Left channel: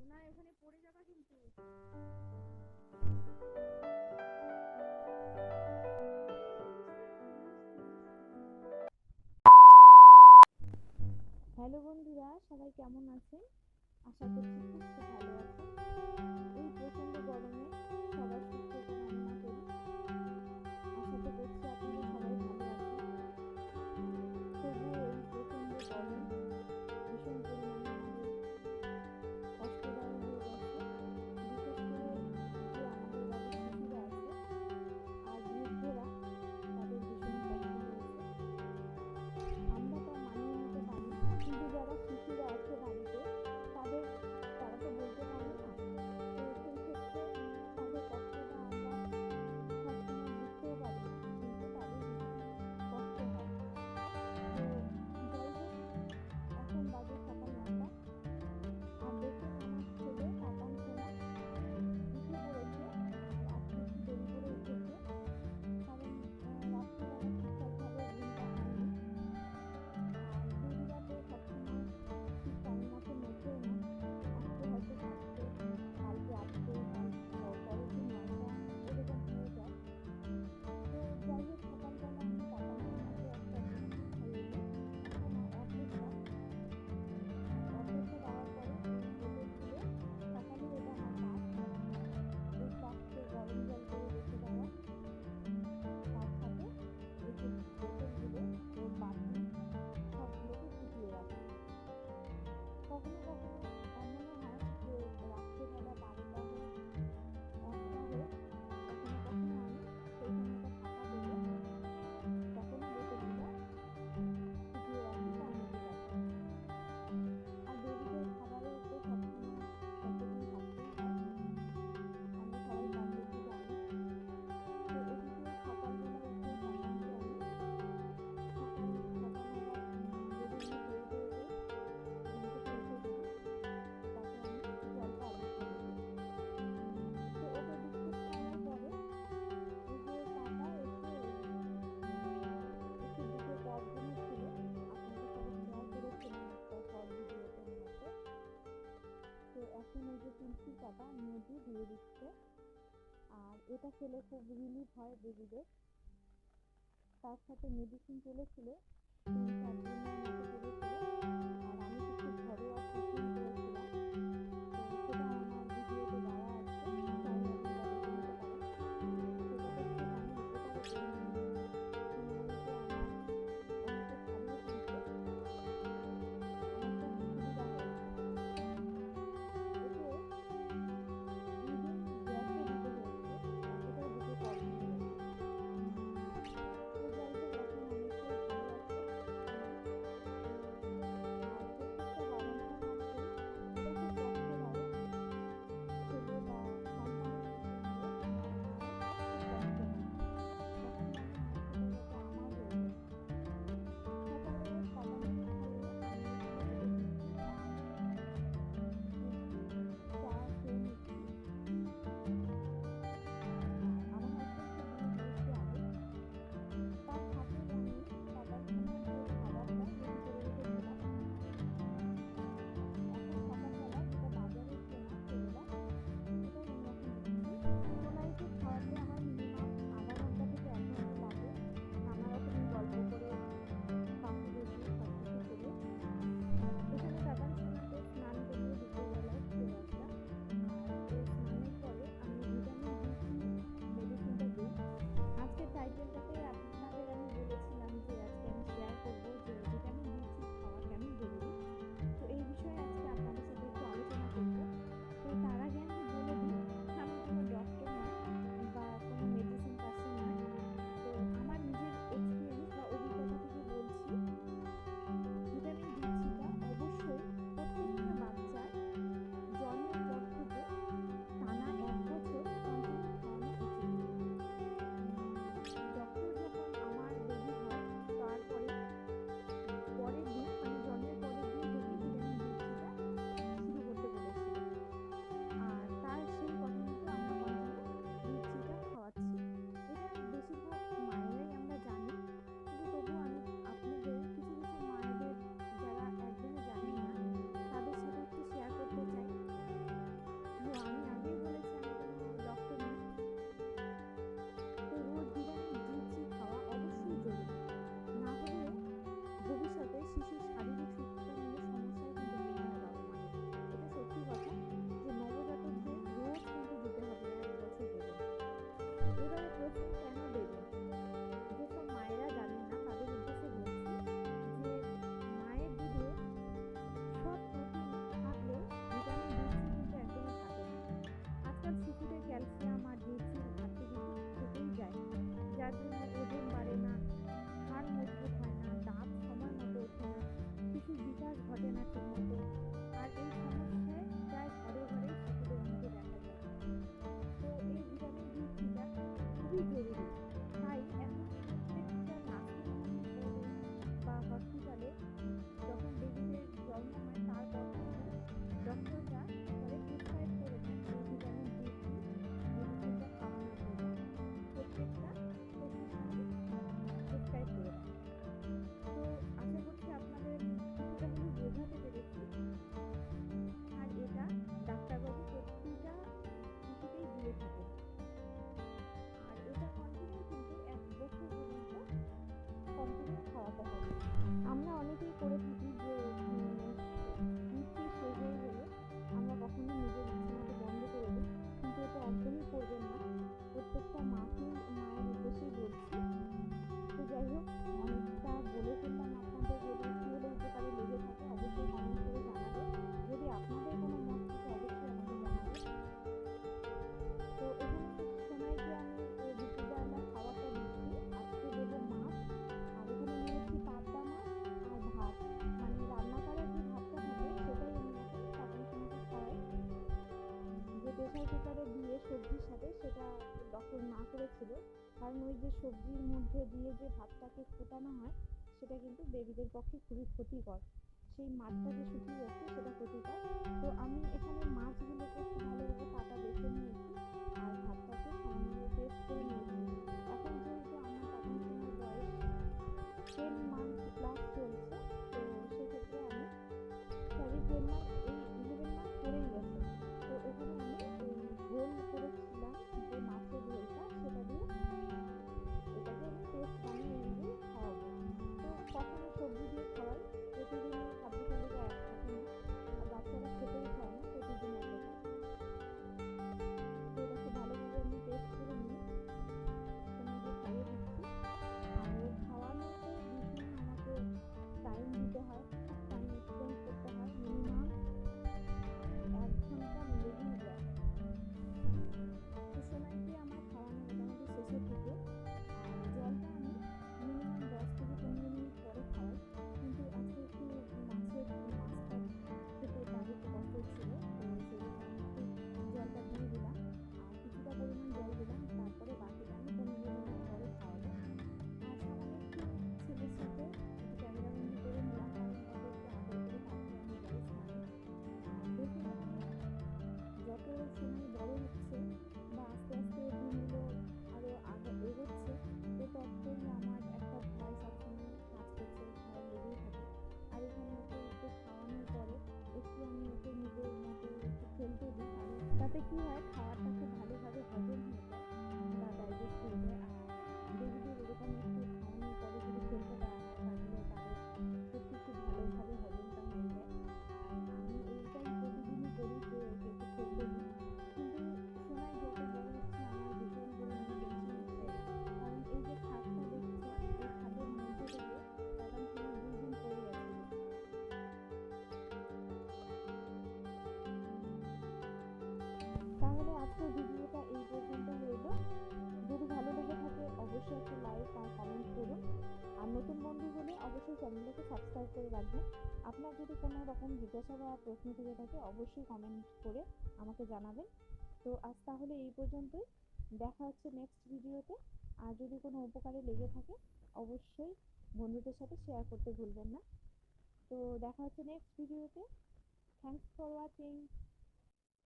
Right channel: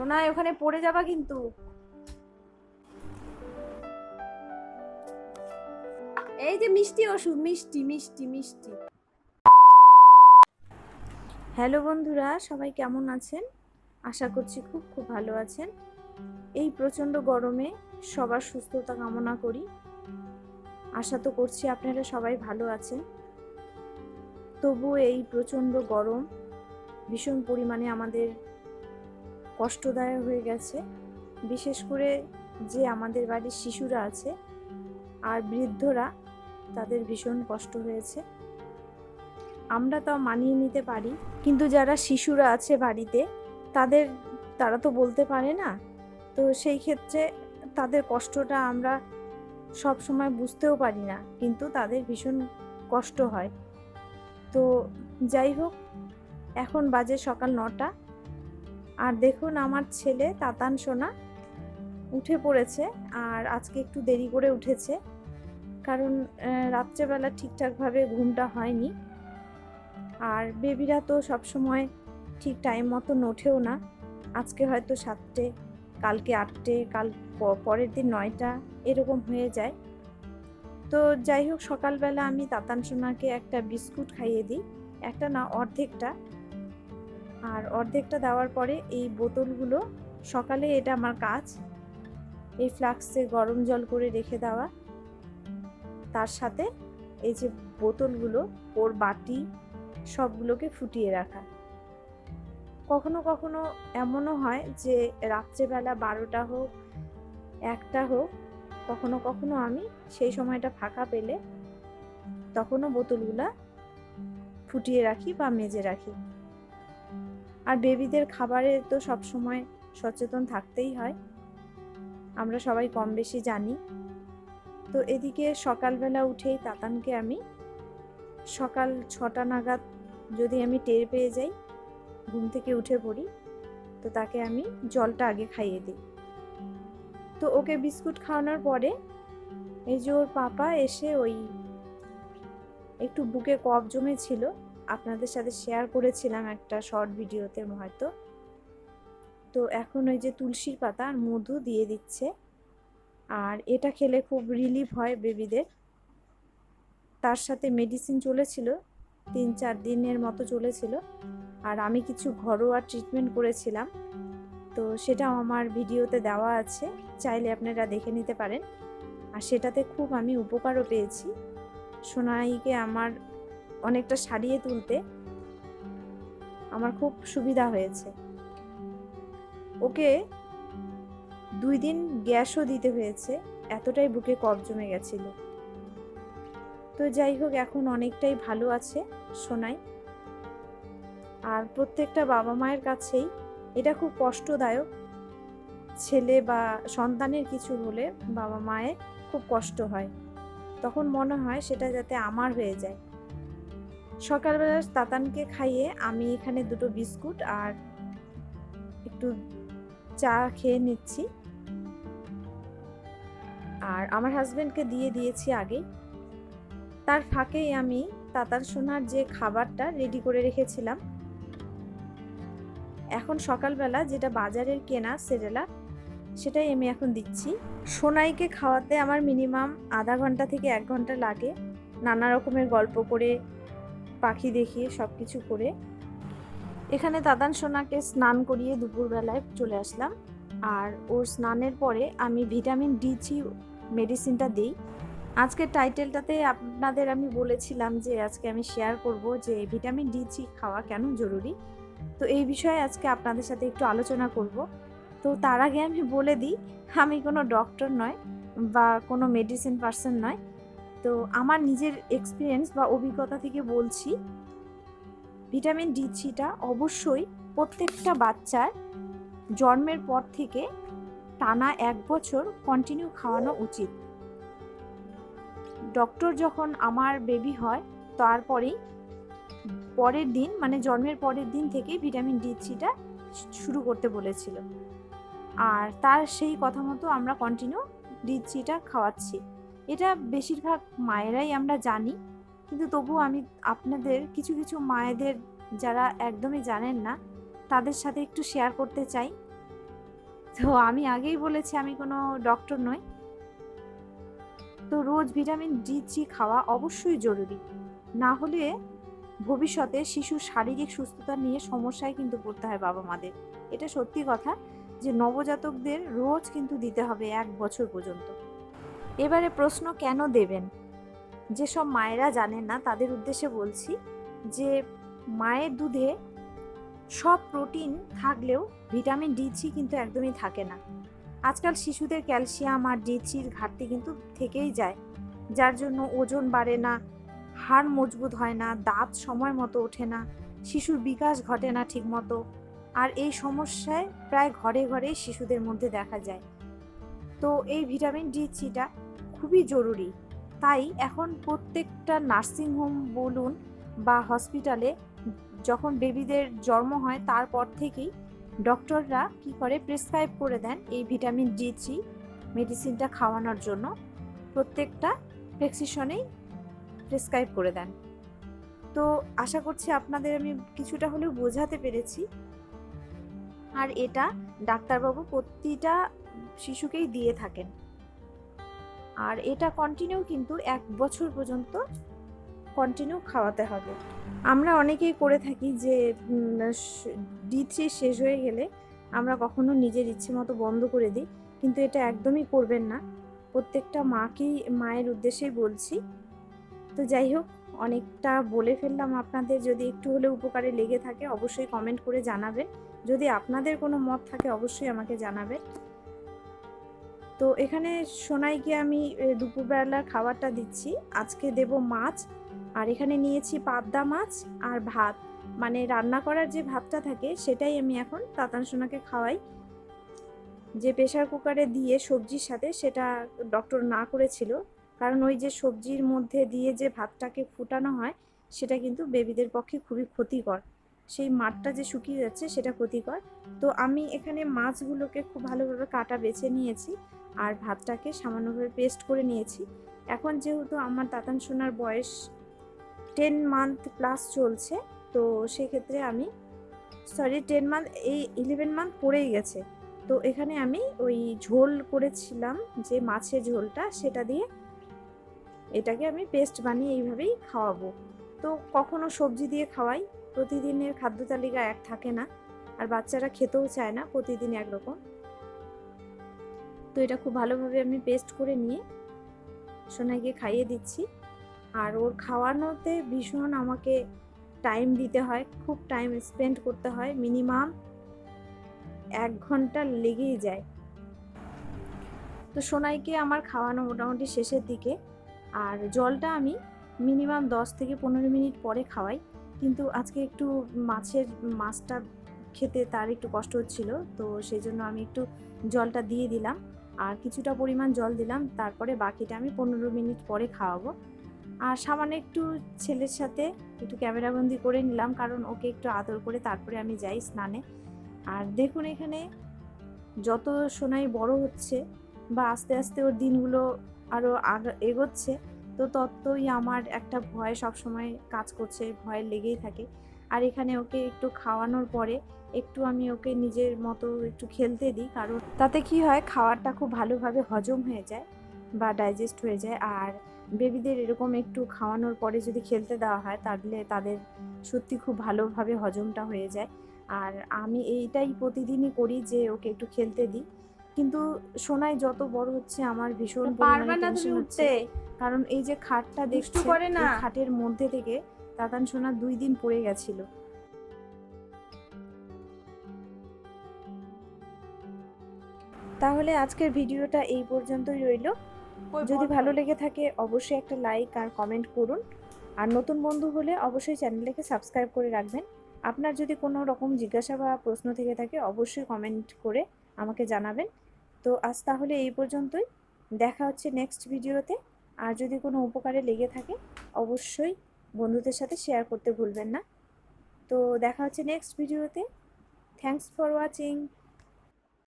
সোনাই ওখানে পড়ে যাবা কিন্তু। এই যে মিষ্টি ওষুধ, মিষ্টি মিষ্টি মিষ্টি। হ্যালো বন্ধুরা, সবাই কেমন আছেন? আশা করছি খুব খুব ভালো আছেন। এই প্রচণ্ড গরমে সবার সুস্থতা কামনা করি। আশা তো করছি আপনারা সবাই ভালো আছেন। তবুও এই প্রচণ্ড গরম ভীষণ পরিমাণে আমাদের কষ্টদায়ক হয়ে গেছে। বিশেষ করে যে আমাদের বাড়ির শিশুরা আছে আর বৃদ্ধরা, তাদের ভীষণ কষ্ট হয়েছে। আমরা তাও মানিয়ে নিতে পারি, কিন্তু যারা শিশুরা আছে বাড়িতে তারা তো বলতে পারে না। তো সেই ক্ষেত্রে তাদের কষ্টটা আমরা সব সময় বুঝতেও পারি না, কিন্তু তাদের ভীষণ কষ্ট হয়। তো যাই হোক, এখন বাজে সকাল 9টা। আর দেখুন আমার ছেলে তাতান সোনা উঠে পড়েছে। আর আজকে একটু দেরি করে উঠেছে, কারণ রাত্রেবেলা ঠিকঠাকভাবে ঘুমটা হয়নি। আর বেবিরা তো সবসময় ঠিক টাইম মতো ওঠেও না। আজকে হয়তো 7টে, কালকে 8টে, পরের দিন 9টা, এরকম হয়ে যায়। তো যাই হোক, সকালবেলা আমি তাতান সোনাকে একটা বিস্কুট খাইয়ে দিই, একটা না অর্ধেকটা। আর অর্ধেকটা দেওয়ার পরে এই বোতলগুলো, সকালে এটা আমার কাজ, এই ফ্লাক্সে গরম জল করে রেখে দেওয়া, তার সাথে এই যে বোতলগুলো, ওর বাটি সবগুলোকে ফুটিয়ে রাখা। কখনো কখনো এমনও হয় যে রাত্রেবেলা 12টা হোক, 1টা হোক, কখনো কখনো আমি সেই সময়টা ফাঁকা পেলে তখনও বোতলগুলা ফুটিয়ে রাখি বা মেজে রাখি। আর বেবিদের খাবারে তো সবসময় সচেতন থাকতেই হয়, আমরা সবাই কম বেশি জানি। তো এদিকে সকালবেলা উঠেই তাতানকে আমি সকাল 6টা নাগাদ যদি আমি টের পেয়ে যাই, ঘুম থেকে উঠে পড়ি, তো তাকে আমি জলটা আগে খাইয়ে দিই। তো ওকে বিস্কুট খাওয়ানোর পরে এই যে ওর পাপা এসে ওই একটু বুকে কফ জমেছিল, আপনাদের সাথে শেয়ার করেছিলাম একটা শর্ট ভিডিওতে হয়তো। তো এখন ওই যে তুলসীর পাতা আর মধু দিয়ে দিচ্ছে। আর এটা খেলে খুব রিলিফ হয় বেবিদের। তার সাথে মেডিসিন চলেছিল, 3-4 দিনের মতো চলেছিল। আর আমি কিছু ঘরোয়া ট্রিটমেন্ট করেছিলাম, তো সেটাও আমার ভিডিওতে দেওয়া আছে, চাইলে আপনারা দেখে নিতে পারেন। আর সেটাতে খুব আমি উপকারও পেয়েছি। সোনাইকে আমার অনেকটা সারিয়ে তুলতে আমার খুব সুবিধা হয়েছে। ওকে 2 দিন গ্যাসও দিতে হয়েছে, এতটাই বুকে কফ জমে গেছিল। তো যাই হোক, এখন অনেকটাই ভালো আছে সোনাই। আর প্রত্যেকটা বাবা মায়ের কাছেই এটা খুব কষ্টদায়ক। ছেলে বা সন্তানের কিছু হলে বাবা মায়ের খুব কষ্ট হয়, তখন মনে হয় সেটা যাতে আমার হয়ে যায়। সকালবেলা তাতানকে খাইয়ে আমি এখানে 2টো বিস্কুট আর একটু চা খেয়ে নিচ্ছি। আর আমার হাজবেন্ডকে দিয়ে দিয়েছি আগে। তার ফাঁকেই আমি তাতান সোনার যে খাবারটা রেডি করে রেখেছিলাম, এখন সকালবেলা যেটা বাজারের কেনা সেরেলাক, সেটাই আমি এখন দিচ্ছি। সোনাইকে খাওয়াতে আমার মিনিমাম আধা ঘন্টা থেকে 1 ঘন্টা লাগে, নানা রকমের গল্প করে, পাখি দেখিয়ে, সব কিছু করে। এখানে তাতান সোনাকে স্নান করিয়ে দুপুরবেলায় চলে আসলাম। আর ওর স্নানের পরে আমি ভিটামিন D3 মেডিসিনটা দিই। আজকের টাইটেলটাতে আপনাদের আমি বলেছিলাম যে আজকে আমি শেয়ার করব যে ভিটামিন D3 খাওয়া কেন জরুরি। তো এই বিষয়ে আজকে আপনাদের সাথে একটু আলোচনা করব। তো তার আগে আমি বলে দিই, আমি কোনো ডক্টর নয় বা কোনো মেডিসিন পার্সন নয়। তো আমার নিজের এক্সপিরিয়েন্স বা অভিজ্ঞতা থেকে বলছি, ভিটামিন D3টা অবশ্যই প্রত্যেকটা বাচ্চার জন্মের পর থেকে টানা 1 বছর কন্টিনিউ খাওয়ানো উচিত। ডক্টর যখন আমার বেবি হয় তারপরেই পরের দিন, মানে জন্মের পরের দিন থেকেই ভিটামিন D3টা শুরু করতে বলেছিল। আর তার সেই কথা মতো আমরা কন্টিনিউ D3টা খাওয়াচ্ছি। এটা বেশিরভাগ মায়েরাই আমরা জানি, কিন্তু তবুও আমি আপনাদের কিছু কিছু মায়েদের যারা একদমই জানেন না, তাদের সাথে একটু শেয়ার করতে চাই। তো আমি আগেই বলেছি আমি কোনো ডক্টর নই। তো রোজ ভিটামিন D3 খাওয়া অবশ্যই জরুরি, না হলে ভবিষ্যতে শিশুর শারীরিক সুস্থতা নিয়ে সমস্যায় কিন্তু পড়তে হয় বাবা মাদের। এটা সত্যি কথা যে নবজাতকদের রোজ কিন্তু দিতে হবে 1 বছর পর্যন্ত। এবারে প্রশ্ন, কেন দেবেন? যেসব মায়েরা জানেন না তাদের উদ্দেশ্যে বলছি যে মায়ের দুধে সব প্রোটিন থাকলেও ভিটামিন D3 কিন্তু একদমই থাকে না। আজকাল শিশুদের ক্যালসিয়াম আর D3-র ঘাটতি কিন্তু থেকেই যায়, যার জন্য ওজন বাড়ে না, হাড় মজবুত হয় না, দাঁত সময় মতো ওঠে না, শিশুর বিকাশ ঘটে না ঠিক মতো। আর এই সমস্যায় প্রায় ঘরে ঘরেই শিশুদের মধ্যে দেখা যায়। তো এই ভিটামিন D3টা খুবই জরুরি। তাই এখন প্রত্যেকটা নার্সিংহোম বলুন বা হসপিটালে যখন বেবিদের জন্ম হয় তারপর থেকেই ডক্টররা কি করে প্রেসক্রাইব করে দেন এই ভিটামিন D3 মেডিসিনটা খাওয়ানোর জন্য। প্রত্যেকটা প্রেসক্রিপশনেই প্রেসক্রাইব করে দেন। তো আশা করছি আপনাদের আমি কিছুটা হলেও বোঝাতে পেরেছি। আর এটা ডাক্তারবাবু প্রতিটা শিশুকেই দিয়ে থাকেন। আর এটা কন্টিনিউ কিন্তু 1 বছর পর্যন্ত কন্টিনিউ খাওয়াতে হবে। আমরা অনেকেই করে থাকি যে D3 শেষ হয়ে গেলে আমরা কখনো নিজের ইচ্ছে মতো বন্ধ করে দিই, কিন্তু এটা একদমই করবেন না। প্রত্যেকটা মায়ের উদ্দেশ্যেই বলছি। তো যাই হোক, অনেকটা বলে ফেললাম আপনাদের। যদি একটু হলে উপকারে লেগে থাকে অবশ্যই কমেন্ট করে জানাবেন। যদি আপনাদের কোনো মত থাকে অবশ্যই আমাকে জানাবেন। তো এখানে সোনাইকে আমি দুপুরবেলার খাবারটা দিচ্ছি। আজকে দেব মাছ, আর এখানে নিয়েছি পাবদা মাছ আর ভাত, মানে রান্না করার যে ভাতটা থাকে সেটাই আমি এখন তাতান সোনাকে খাওয়াই। যে প্রেসার কুকারে দিয়ে সবজির সাথে, সেটা ডক্টর না করেছিল, কারণ ওই যে সবজির মধ্যে দিয়ে যে ভাতটাকে ফুটানো হয় সেটা কিন্তু বেবিদের পক্ষে খুবই ক্ষতিকর। সেই মাঠটা যে শুকিয়ে যাচ্ছে সেটা ক্ষতিকর। তো আমি এখানে মাছগুলোকে খুব ভালোভাবে কাটা বেছে নিয়েছি আর ভাতটাকে সামান্যভাবে পেস্ট করে নিয়েছি। এখন যেহেতু আমার তাতান সোনার বয়স 10 মান্থ প্লাস চলছে, তো সেক্ষেত্রে আমি 10 মান্থ, এই 11 মান্থ পড়েই গেছে। তো এখানে আমি ওই ঝোল করেছিলাম যে মাছের ঝোলটা, সেটা দিয়ে এটাকে আমি পেস্ট বানিয়ে এইভাবেই খাওয়াবো। তো কখনো সবজি দিয়ে খাওয়াই, প্রতিদিনের খাদ্য তালিকা এক থাকে না, আর বাচ্চারা খেতেও চায় না প্রতিদিন একরকম। তো এটা খুব ভালোভাবে আমি পেস্ট করে নিয়ে সোনাইকে খাইয়ে দিচ্ছি। আর ওর খাওয়ানোতে ভীষণ আমাকে টাইম দিতে হয়, খুব টাইম স্পেন্ড করতে হয়, মিনিমাম 1 ঘন্টা লেগেই যায়। তো সোনাইকে আমার খাওয়ানো মোটামুটি শেষের দিকে, আর জলটা আমি মিনিমাম 10 থেকে 15 মিনিট পরে খাওয়াই। কিন্তু আজকে একটু মাছটা খেতে তার একটু কষ্ট হচ্ছিল, তো সেই জন্য আমি একটু জলটা দিয়ে দিলাম, আর কিছুটা পরিমাণ জল দিলাম। তারপরে বাকিটা আমি 15 মিনিট পরে খাওয়াবো। আর সামান্য একটু ছেলের সাথে একটু ক্যামেরাবন্দি করে নিলাম, কারণ ওকে একটু আদর করে তারপরে আমি যাই স্নানে। আর দেখুন এখানে যত সোনাই বড় হচ্ছে বা আস্তে আস্তে ওর দিনগুলো আরও এগোচ্ছে, তো ততই আমার একটা ভয় সবসময় কাজ করছে, ভয় লেগেই থাকে। আর এখানে ওকে একটু খাওয়ানোর পরে একটু আমি ওকে নিজের মতো একটু খেলতে দিই, কারণ তাতে কি হয়, খাবারটা খুব ভালোভাবে হজম হয়ে যায় বা ডাইজেস্ট হয়ে যায়। আর বেবিদের এরকম একটু খাওয়ানোর পরে যদি খেলতে দেওয়া হয় তাহলে তাদের সত্যি খুব ভালোভাবে হজমটা হয়ে যায়। আর আমি এইটাই প্রতিদিনই করি যে ওকে একটু খেলতে দিই। কিন্তু সোনাই যত বড় হচ্ছে আমার ভীষণ পরিমাণে টেনশন হচ্ছে, কারণ এই যে খাটটা দেখছো, এই খাটের মধ্যে থেকে তাতান সোনা 2 দিন পড়ে গেছিল। তাহলে আজকের ভিডিওটা এই পর্যন্তই রইল। যদি ভালো লেগে থাকে অবশ্যই একটা লাইক আর কমেন্ট করুন, আর নতুন বন্ধু হলে অবশ্যই চ্যানেলটাকে সাবস্ক্রাইব করে রাখবেন। আপনার যদি কোনো রকম জিজ্ঞাসা বা প্রশ্ন থেকে থাকে অবশ্যই কমেন্ট করে আমাকে জানাবেন। তো আজ তাহলে এই পর্যন্তই, দেখা হচ্ছে নেক্সট ভিডিওতে। আর যদি কোনো উপকারে লেগে থাকে অবশ্যই বন্ধুদের সাথে শেয়ার করতে ভুলবেন না। তো দেখা হচ্ছে নেক্সট ভিডিওতে। Thanks for watching.